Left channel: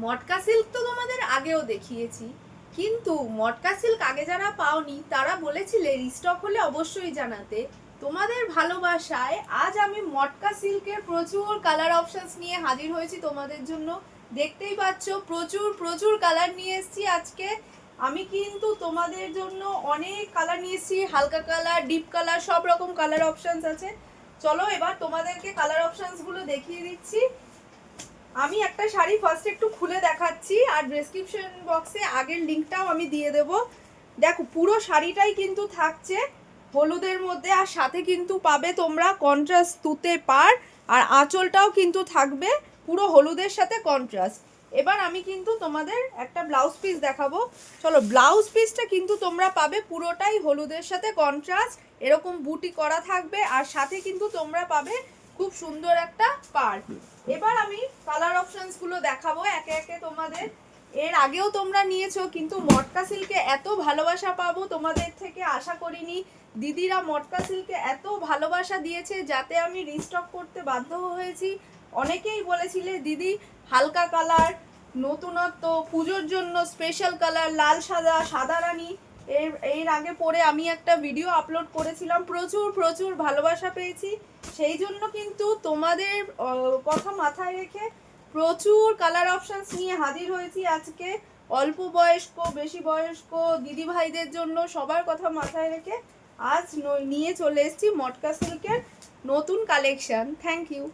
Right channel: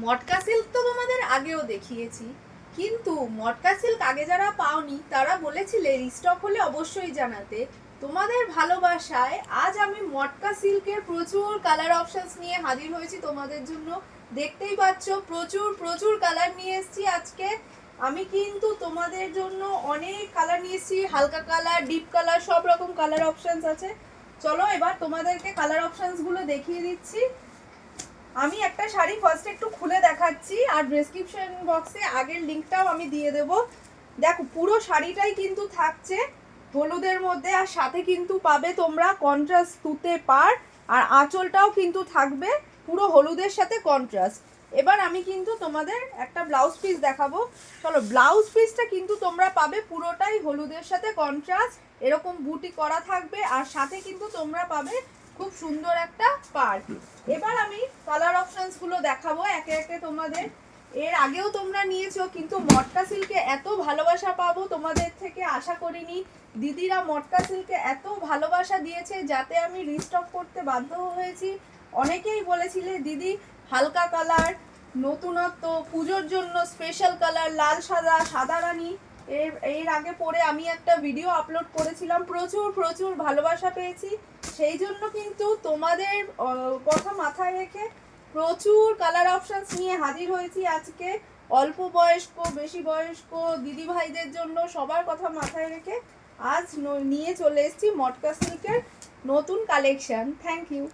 মটকা silk তো তোমাদের আগেও দেখিয়েছি, কিন্তু মটকা সিল্ক আগে যারা পাওনি তারা বলেছিলে রিস্টক হলে অবশ্যই জানাতে। তোমাদের ভালোবাসায় আজ আমি মটকা সিল্কের প্রচুর কালার অপশনস নিয়ে হাজির হয়েছি তোমাদের জন্য। দেখতেই পাচ্ছ প্রচুর প্রচুর কালার নিয়ে এসেছি আজকে। আমি কিন্তু তোমাদের জন্য অনেক কালার নিয়ে এসেছি, হালকা কালার, ডিপ কালার, সব রকম কালার অপশনস আছে। চলো এবার তোমাদেরকে কালার অপশনসগুলো দেখিয়ে দিচ্ছি। আমি একটা শাড়ি ফার্স্ট একটু খুলে দেখাচ্ছি, আর ডেসক্রিপশন বক্সে আগের লিংকটাও আমি দিয়ে দেব। দেখো পুরো শাড়িটাই কিন্তু থাকছে হলুদের মধ্যে, আর সাথে কিন্তু পাবে তোমরা কন্ট্রাস্ট তুতে পাড়, আর আঁচলটাও কিন্তু থাকবে পুরো হলুদের সাথে কন্ট্রাস্ট। এবার আমি কিন্তু তোমাদের একটা ব্লাউজ পিস দেখাবো। চলো, ব্লাউজ পিসটা কিন্তু তোমরা পাবে পুরোটাই হলুদের সাথে কন্ট্রাস্ট, এরকম বুটি করা থাকবে, আর সাথে কিন্তু তোমরা পাবে খুব সুন্দর একটা পাড়। এবার আমি কালার অপশনস গুলো দেখাবো একে একে তোমাদের। এর আগেও তোমরা নিয়েছো, কিন্তু মটকা সিল্কে এত ভালোবাসা পাবো তোমাদের থেকে আশা করিনি। দিদিরা মটকা সিল্কে এত ভালোবাসা দিয়েছে যাতে আমি রিস্টক করতে বাধ্য হয়েছি। অনেকেই বলেছিলে দিদি হালকা কালার, নতুনত্ব, পুজোর জন্য স্পেশাল কালার, লাল সাদা, সাদা রানী। এর আগে পরে আমি একটা ভিডিও আপলোড করেছিলাম, প্রচুর প্রচুর ভালোবাসা পেয়েছি। সেই জন্য কিন্তু তোমাদের কথা মাথায় রেখে প্রচুর কালার অপশনস নিয়ে হাজির হয়েছি আজকে। অল্প বয়স্ক, বেশি বয়স্ক দিদি ভাইদের জন্য সবার কথা মাথায় রেখে আজ নিয়ে চলে এসেছি মটকা সিল্কের নতুন কালেকশন। Thank you.